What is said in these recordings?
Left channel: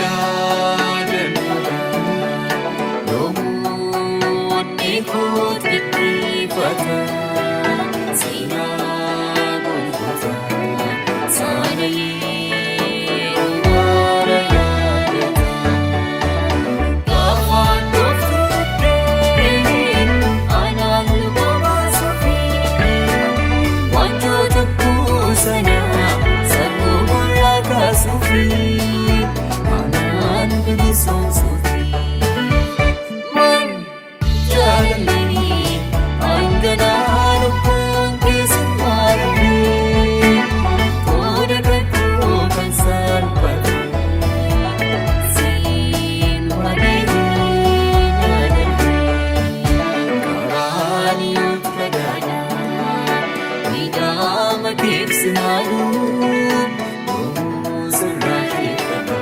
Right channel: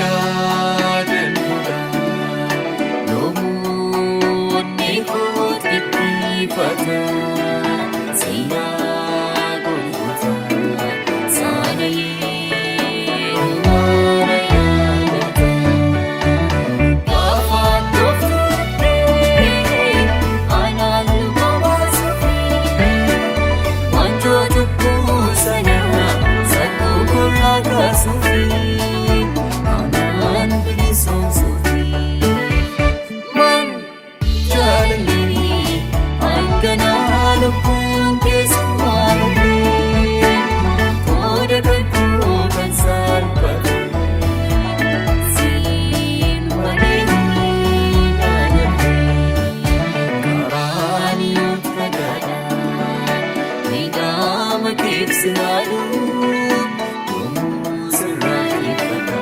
yaadannudha yoomuu eeguut dhiphifata seenaa Golgotaa sana yeroo mara yaadata gaafa toftuudhee anaan luba baasuufii wanjoo cubbuu sana sakkoo gurraa kaasuufii anaan bilisoomsuufii man jaalallee hanganaa lubbuun keessummaa dhabee qooda kakuu kan salphate siin malee naannalee karaan yoo fagaadha miidhama keebsinaaluu yoomuu sirraatiifata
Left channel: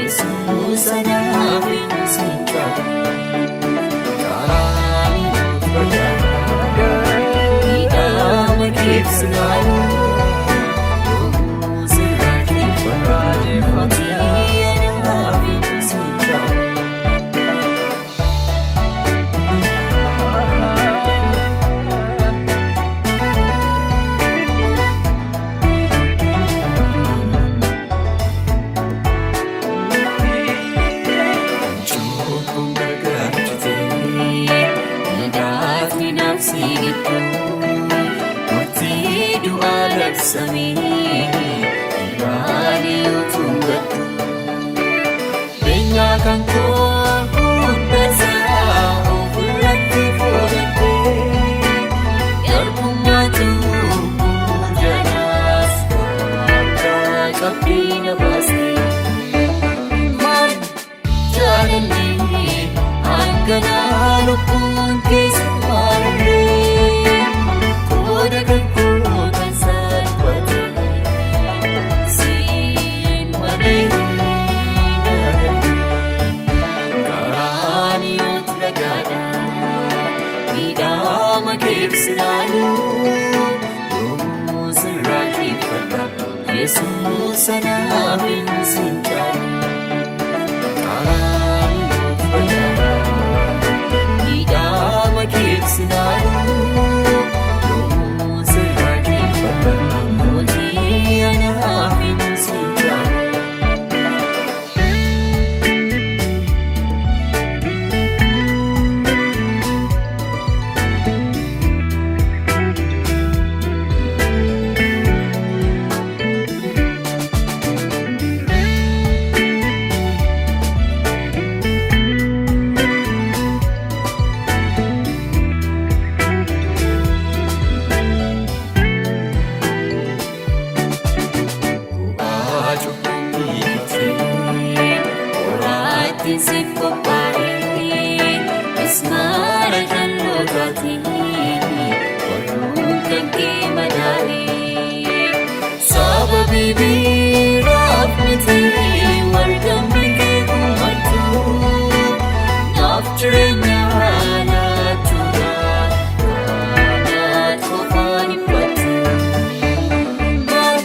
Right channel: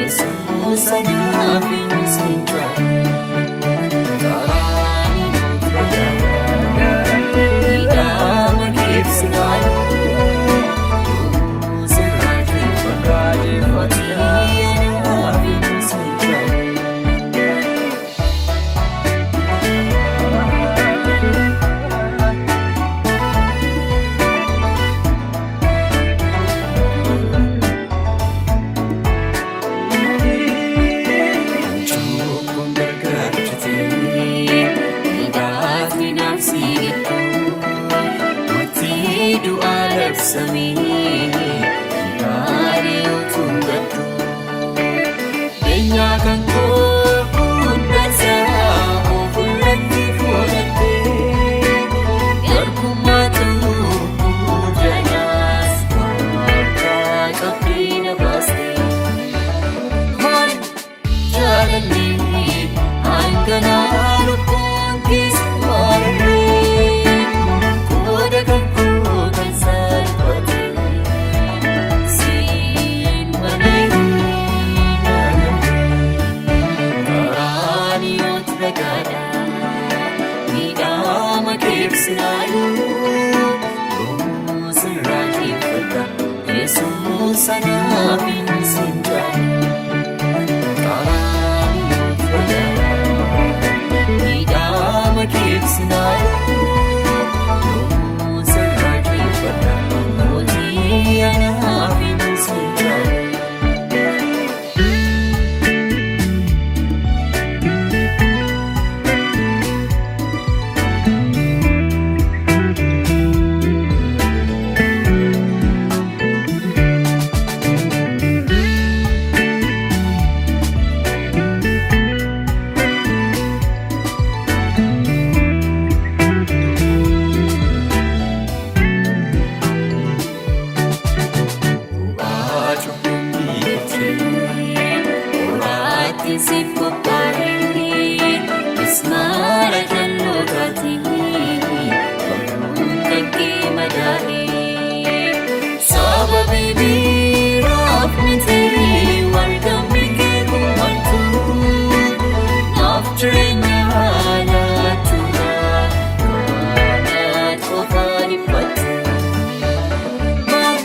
Yesuus anaaf hin sincaatu karaan yoo fagaadha miidhama keebsinaaluu yoomuu sirraatiifata anaaf hin sincaatu. Miidhagni nafsi gidduu murtii du'aa labsamee ilaalee utuun gaddu beenyaa kan koo hundasaa ofirratti fudhattee garbummaa cubbuu jalaas harkaa qabdee na baastee maal jaalallee hanganaa lubbuun keessummaa dhabee qooda kakuu kan salphate siin malee naannalee karaan yoo fagaadha miidhama keebsinaaluu yoomuu sirraatiifata Yesuus anaaf hin sincaatu karaan yoo fagaadha miidhama keebsinaaluu yoomuu sirraatiifata mootii anaaf hin sincaatu. Qoraatiin siif qophaa'ee mismaara jallootaati warruun kan kee madaa'ee sababii biraaf miti wargamni kee gummartu naaf jireenya laachuudhaan kanaat qofaan dhiphattu maal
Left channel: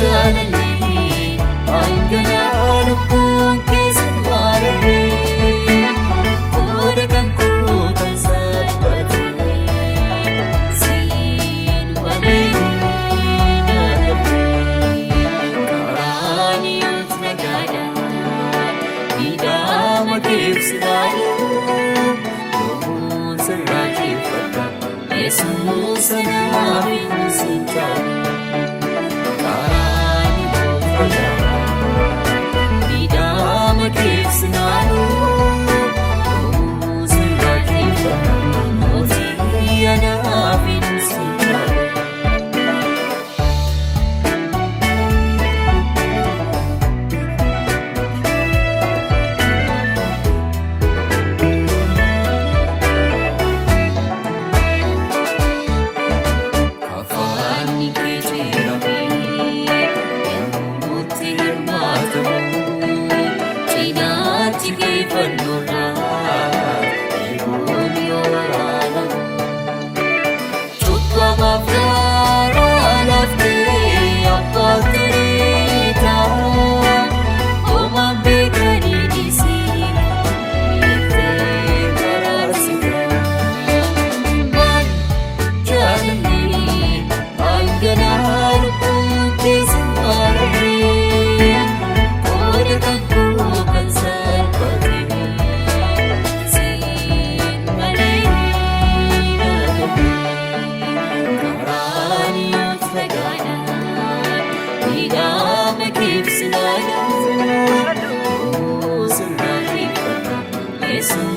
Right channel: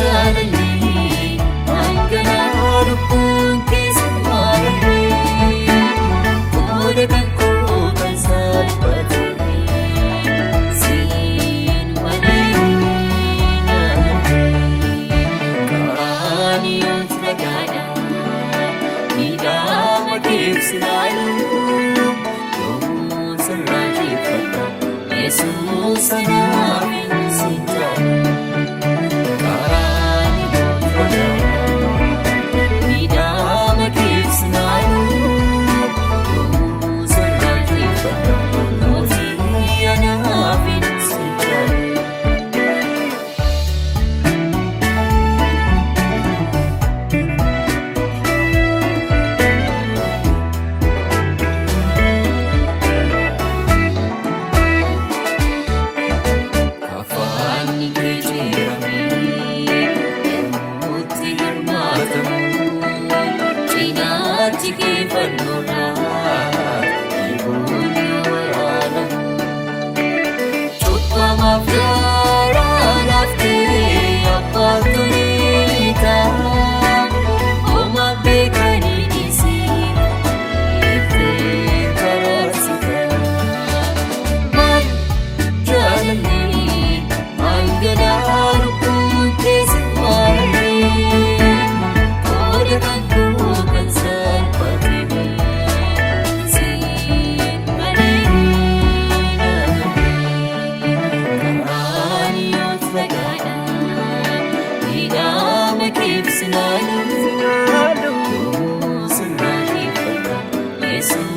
jaalallee hanganaa lubbuun keessummaa dhabee qooda kakuu kan salphate siin malee naannalee karaan yoo fagaadha miidhama keebsinaaluu yoomuu sirraatiifata Yesuus anaaf hin sincaatu karaan yoo fagaadha miidhama keebsinaaluu yoomuu sirraatiifata mootii anaaf hin sincaatu. Afaanni kee jijjiiramee yemmuutti hirmaatamu cinaachi kee fannoodhaan eeguun yoo waraanamu cubbamaaf garaa laaftee abbaa tureetaa homaa beekaa. kan salphatee siin malee naagahee karaan yoo fagaadha miidhama keef sinaalu sirraatiifadha Yesuus.